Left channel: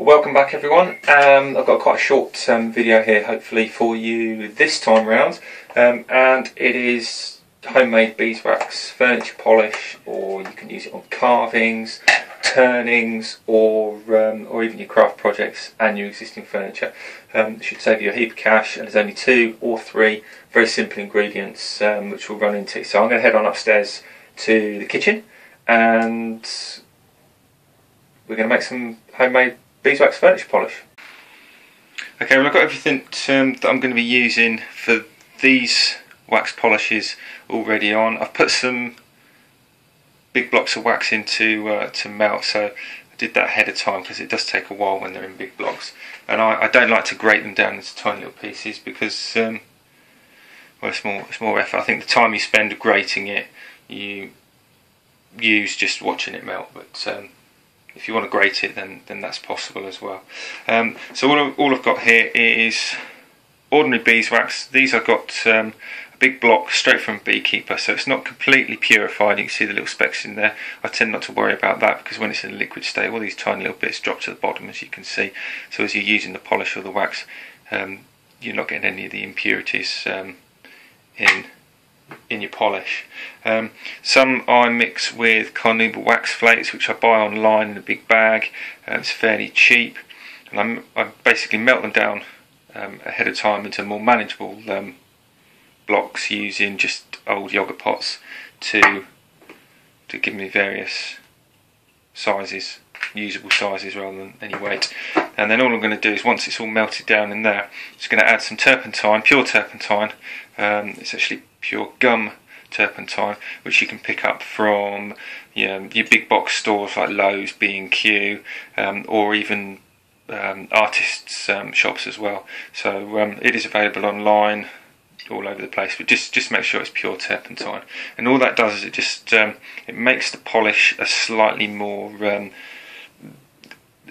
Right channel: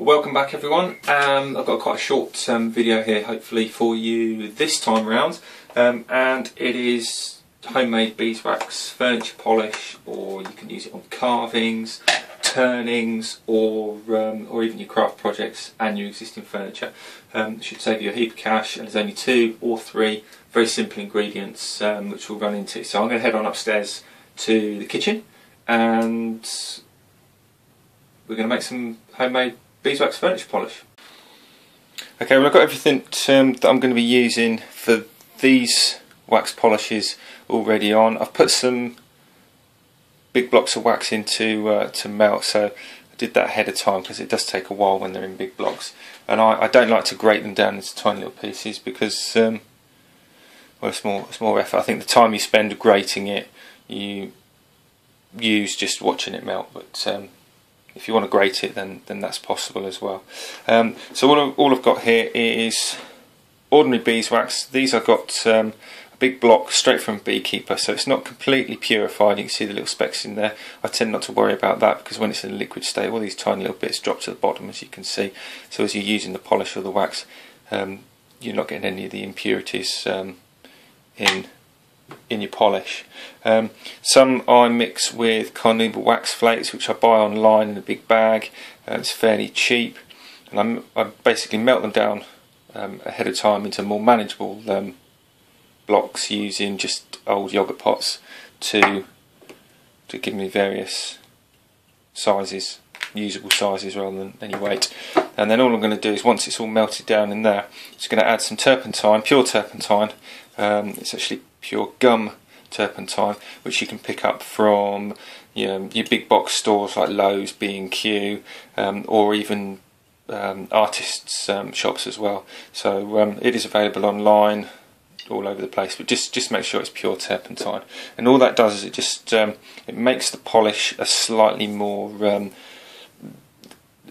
Well, welcome back everyone. I've got quite a short video here hopefully for you this time round, and it is homemade beeswax furniture polish, or you can use it on carvings, turnings, or even your craft projects and your existing furniture. It should save you a heap of cash, and there's only 2 or 3 very simple ingredients which we'll run into. So I'm going to head on upstairs to the kitchen and we're going to make some homemade beeswax furniture polish. Okay, well, I've got everything that I'm going to be using for these wax polishes already on. I've put some big blocks of wax in to melt, so I did that ahead of time because it does take a while when they're in big blocks, and I don't like to grate them down into tiny little pieces because well, it's more effort. I think the time you spend grating it you use just watching it melt, but if you want to grate it, then that's possible as well. So all I've got here is ordinary beeswax. These I've got a big block straight from Beekeeper, so it's not completely purified. You can see the little specks in there. I tend not to worry about that because when it's in a liquid state, all these tiny little bits drop to the bottom, as you can see. So as you're using the polish or the wax, you're not getting any of the impurities in your polish. Some I mix with carnuba wax flakes, which I buy online in a big bag. It's fairly cheap, and I basically melt them down ahead of time into more manageable blocks using just old yogurt pots to give me various sizes, usable sizes rather than any weight. And then all I'm going to do is, once it's all melted down in there, just going to add some turpentine, pure turpentine. It's actually pure gum turpentine, which you can pick up from your big box stores like Lowe's, B&Q, or even artists' shops as well. So it is available online all over the place, but just make sure it's pure turpentine. And all that does is it just it makes the polish a slightly more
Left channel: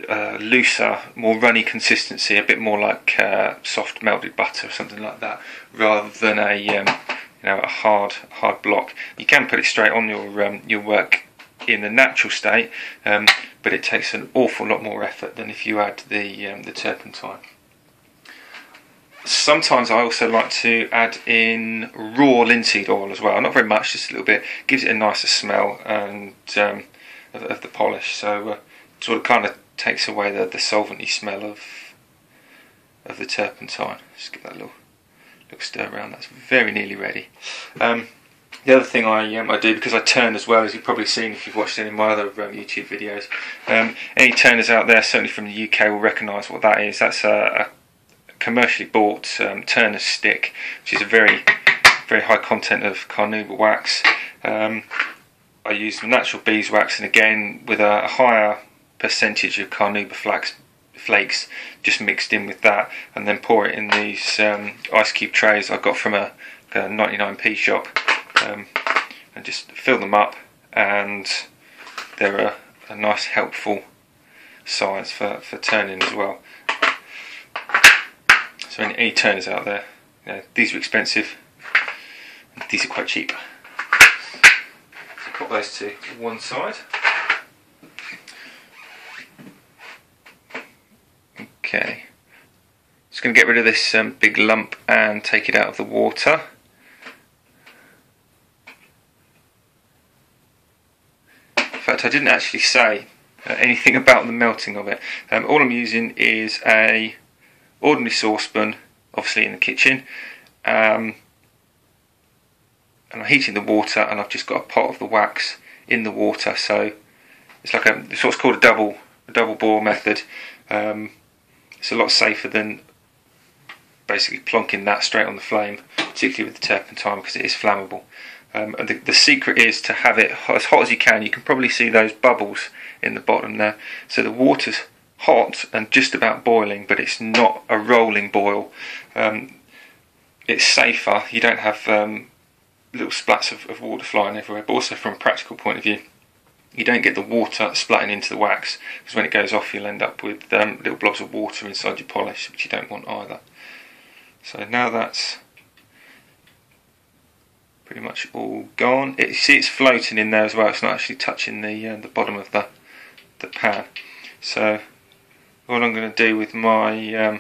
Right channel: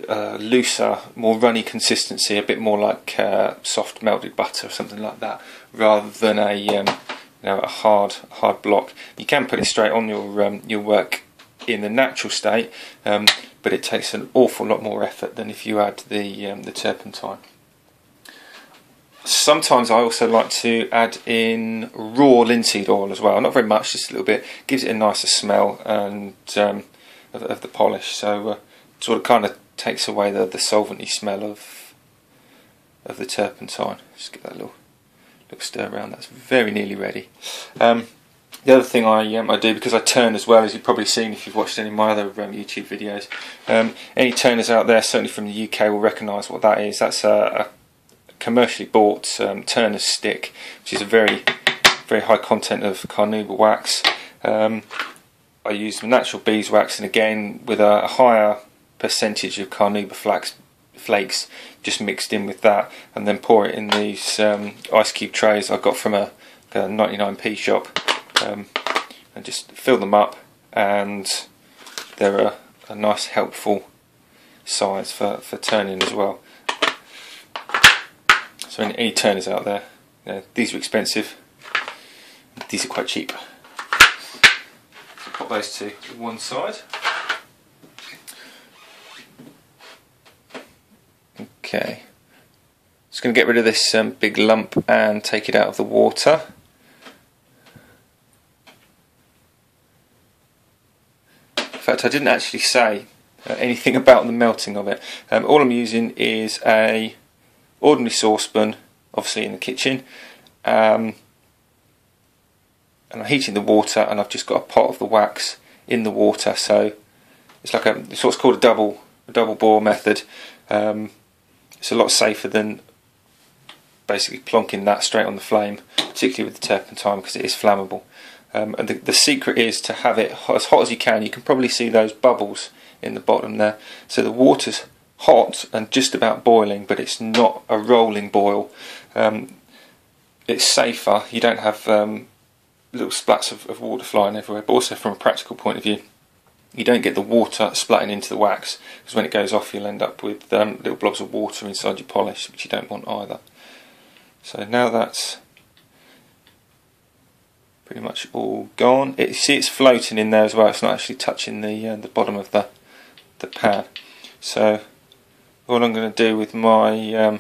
looser, more runny consistency, a bit more like soft melted butter or something like that, rather than a a hard block. You can put it straight on your work in the natural state, but it takes an awful lot more effort than if you add the turpentine. Sometimes I also like to add in raw linseed oil as well, not very much, just a little bit. Gives it a nicer smell and of the polish, so it sort of kind of takes away the solventy smell of the turpentine. Just give that a little stir around. That's very nearly ready. The other thing I do, because I turn as well, as you've probably seen if you've watched any of my other YouTube videos, any turners out there, certainly from the UK, will recognise what that is. That's a commercially bought turner's stick, which is a very high content of carnuba wax. I use the natural beeswax, and again with a higher percentage of carnuba flakes just mixed in with that, and then pour it in these ice cube trays I got from a 99p shop, and just fill them up, and they're a nice helpful size for turning as well. So any turners out there, these are expensive, these are quite cheap. So put those to one side. Okay, just going to get rid of this big lump and take it out of the water. In fact, I didn't actually say anything about the melting of it. All I'm using is a ordinary saucepan, obviously in the kitchen, and I'm heating the water, and I've just got a pot of the wax in the water. So it's like it's what's called a double boil method. It's a lot safer than basically plonking that straight on the flame, particularly with the turpentine, because it is flammable. And the secret is to have it as hot as you can. You can probably see those bubbles in the bottom there. So the water's hot and just about boiling, but it's not a rolling boil. It's safer. You don't have little splats of water flying everywhere, but also from a practical point of view, you don't get the water splatting into the wax, because when it goes off you'll end up with little blobs of water inside your polish, which you don't want either. So now that's pretty much all gone. You see it's floating in there as well, it's not actually touching the bottom of the pan. So all I'm going to do with my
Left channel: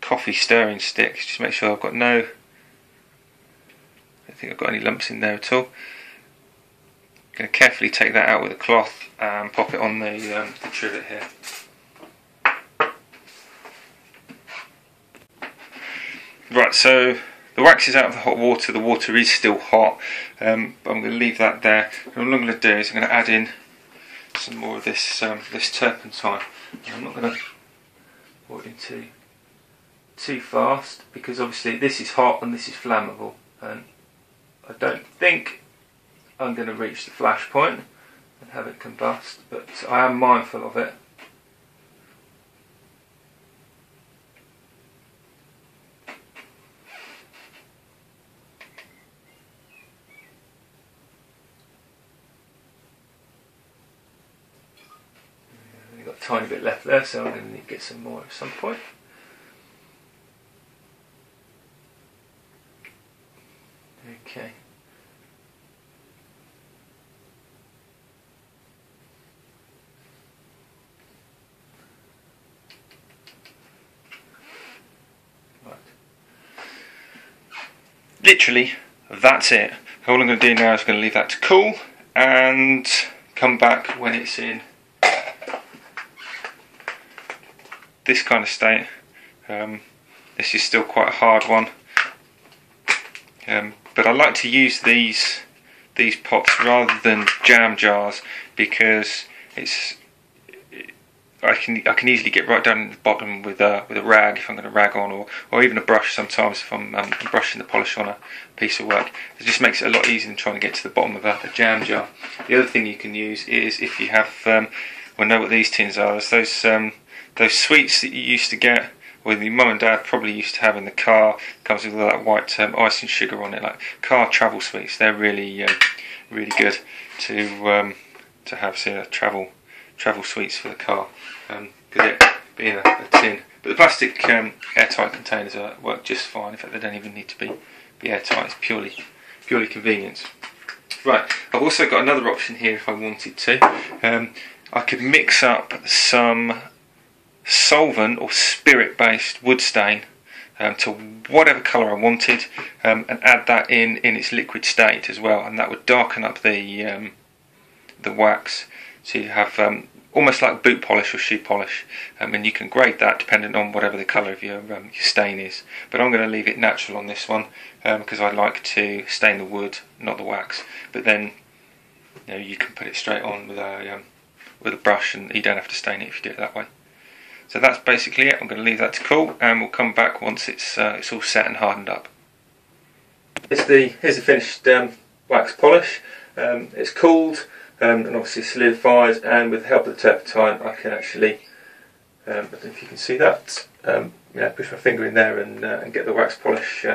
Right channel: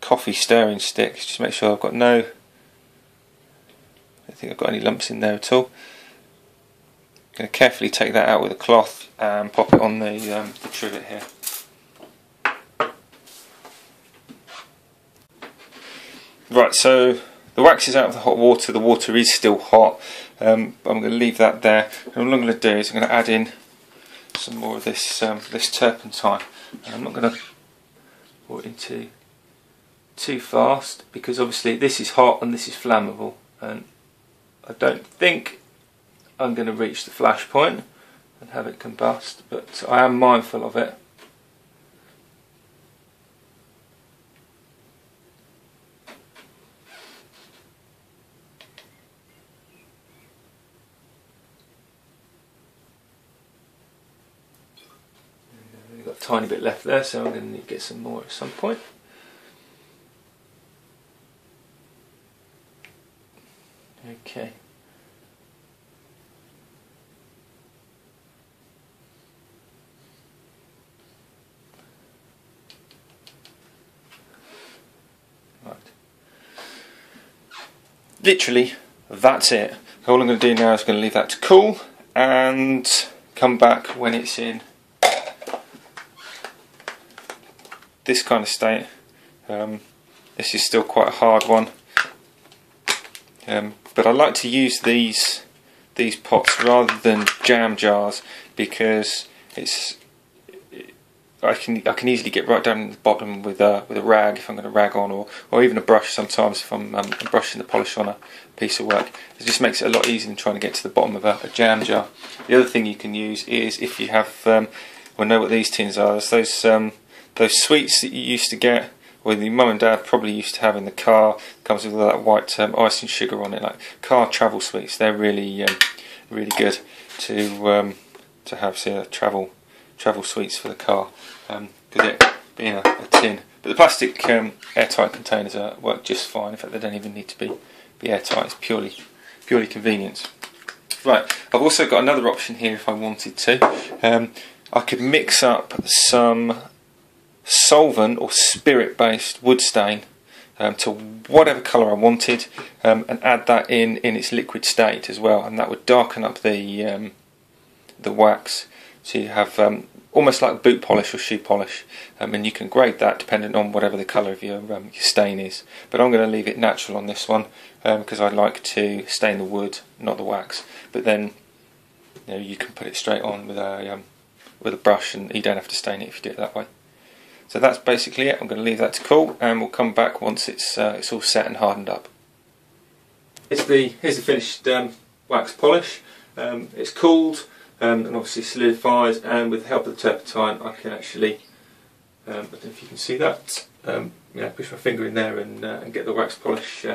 coffee stirring stick is just make sure I've got no, I don't think I've got any lumps in there at all. I'm going to carefully take that out with a cloth and pop it on the trivet here. Right, so the wax is out of the hot water, the water is still hot, but I'm going to leave that there. And all I'm going to do is I'm going to add in some more of this this turpentine. And I'm not going to pour it in too fast, because obviously this is hot and this is flammable, and I don't think I'm going to reach the flash point and have it combust, but I am mindful of it. I've got a tiny bit left there, so I'm going to need to get some more at some point. Okay. Right. Literally, that's it. All I'm going to do now is I'm going to leave that to cool and come back when it's in this kind of state. This is still quite a hard one, but I like to use these pots rather than jam jars, because I can easily get right down in the bottom with a rag if I'm going to rag on, or even a brush sometimes if I'm brushing the polish on a piece of work. It just makes it a lot easier than trying to get to the bottom of a jam jar. The other thing you can use is, if you have, well, know what these tins are, there's those sweets that you used to get, or your mum and dad probably used to have in the car. It comes with all that white ice and sugar on it, like car travel sweets. They're really really good to have, say, travel sweets for the car, because it being a tin. But the plastic airtight containers work just fine. In fact, they don't even need to be airtight. It's purely convenience. Right, I've also got another option here if I wanted to. I could mix up some solvent or spirit-based wood stain to whatever colour I wanted, and add that in its liquid state as well, and that would darken up the wax, so you have almost like boot polish or shoe polish, and you can grade that depending on whatever the colour of your stain is. But I'm going to leave it natural on this one, because I like to stain the wood, not the wax. But then you can put it straight on with a brush, and you don't have to stain it if you do it that way. So that's basically it. I'm going to leave that to cool, and we'll come back once it's all set and hardened up. Here's the finished wax polish. It's cooled and obviously solidified, and with the help of the turpentine I can actually, I don't know if you can see that, push my finger in there and get the wax polish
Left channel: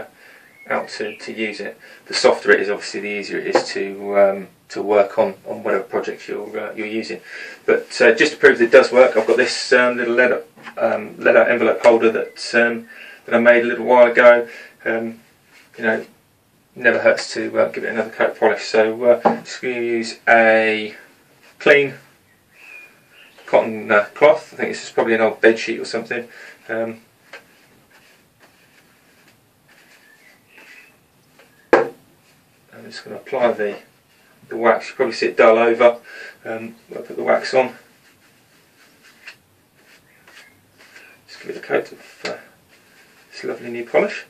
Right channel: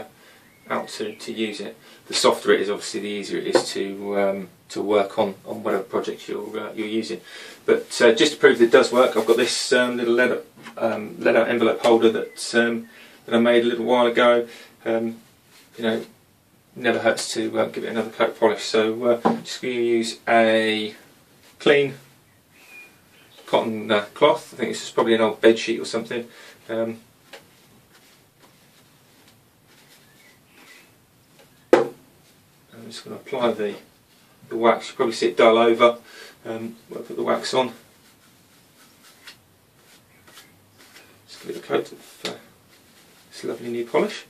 out to use it. The softer it is, obviously the easier it is to work on whatever project you're using. But just to prove that it does work, I've got this little lead out envelope holder that I made a little while ago. Never hurts to give it another coat of polish. So just going to use a clean cotton cloth. I think this is probably an old bed sheet or something. I'm just going to apply the wax. You probably see it dull over. I'll put the wax on. Just give it a coat of this lovely new polish,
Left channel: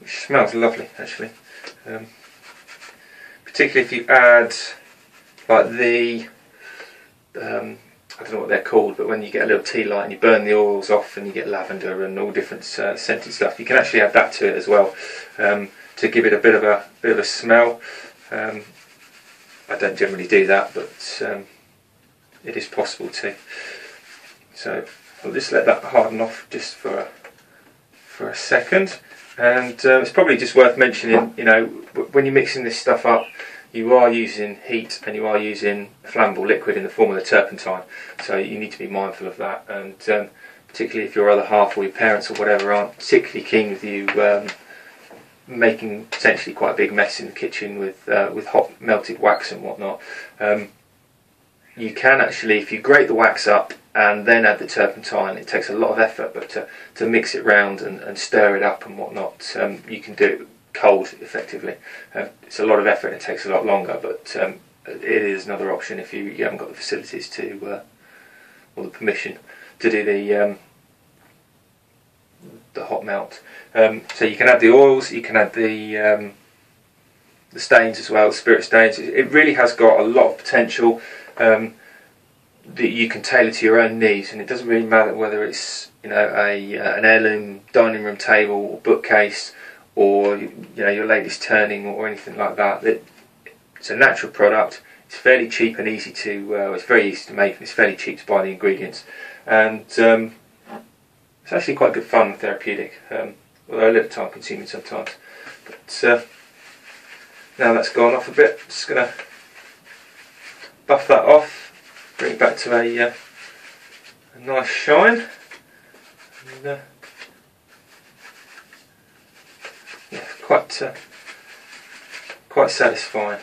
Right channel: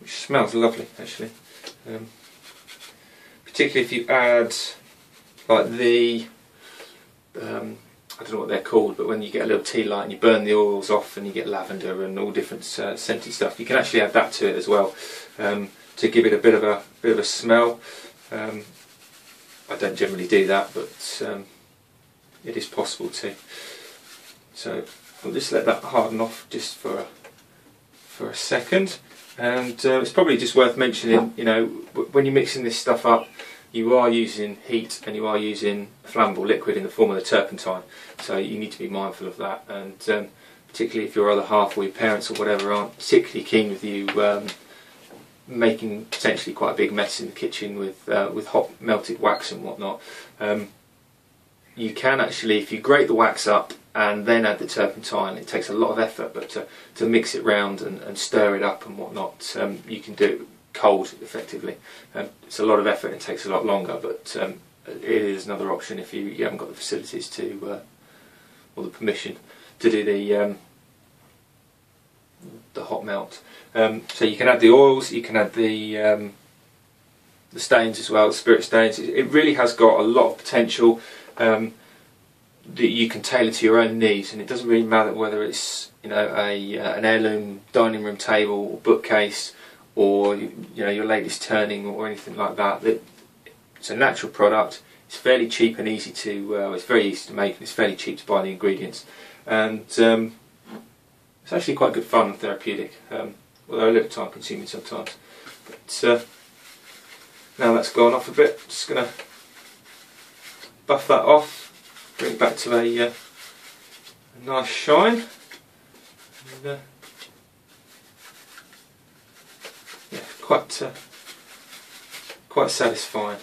which smells lovely actually. Particularly if you add like the I don't know what they're called, but when you get a little tea light and you burn the oils off and you get lavender and all different scented stuff, you can actually add that to it as well, to give it a bit of a smell. I don't generally do that, but it is possible to. So I'll just let that harden off just for a second. And it's probably just worth mentioning, when you're mixing this stuff up, you are using heat and you are using flammable liquid in the form of the turpentine. So you need to be mindful of that. And particularly if your other half or your parents or whatever aren't particularly keen with you making potentially quite a big mess in the kitchen with hot melted wax and whatnot, you can actually, if you grate the wax up and then add the turpentine. It takes a lot of effort, but to mix it round and stir it up and whatnot, you can do it cold effectively. It's a lot of effort and it takes a lot longer, but it is another option if you haven't got the facilities to or the permission to do the hot melt. So you can add the oils, you can add the stains as well, the spirit stains. It really has got a lot of potential that you can tailor to your own needs, and it doesn't really matter whether it's, you know, an heirloom dining room table or bookcase, or, you know, your latest turning or anything like that. It's a natural product. It's fairly cheap and easy to. It's very easy to make, and it's fairly cheap to buy the ingredients, and it's actually quite good fun and therapeutic, although a little time consuming sometimes. But now that's gone off a bit, just going to buff that off, bring it back to a nice shine. And, yeah, quite satisfying.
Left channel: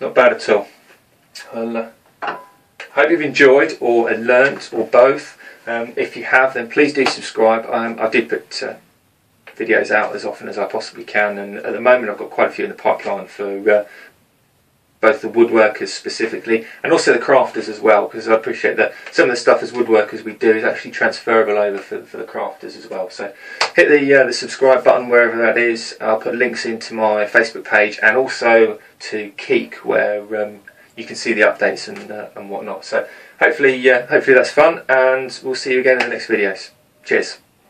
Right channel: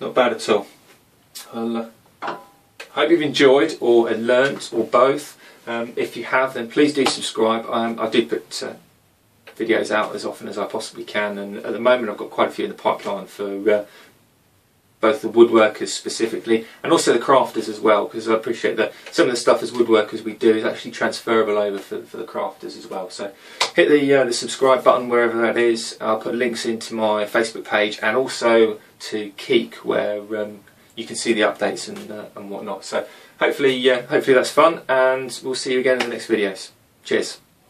Not bad at all. I'll hope you've enjoyed or learnt or both. If you have, then please do subscribe. I do put videos out as often as I possibly can, and at the moment I've got quite a few in the pipeline for both the woodworkers specifically and also the crafters as well, because I appreciate that some of the stuff as woodworkers we do is actually transferable over for the crafters as well. So hit the subscribe button wherever that is. I'll put links into my Facebook page and also to Keek, where you can see the updates and whatnot. So hopefully that's fun, and we'll see you again in the next videos. Cheers.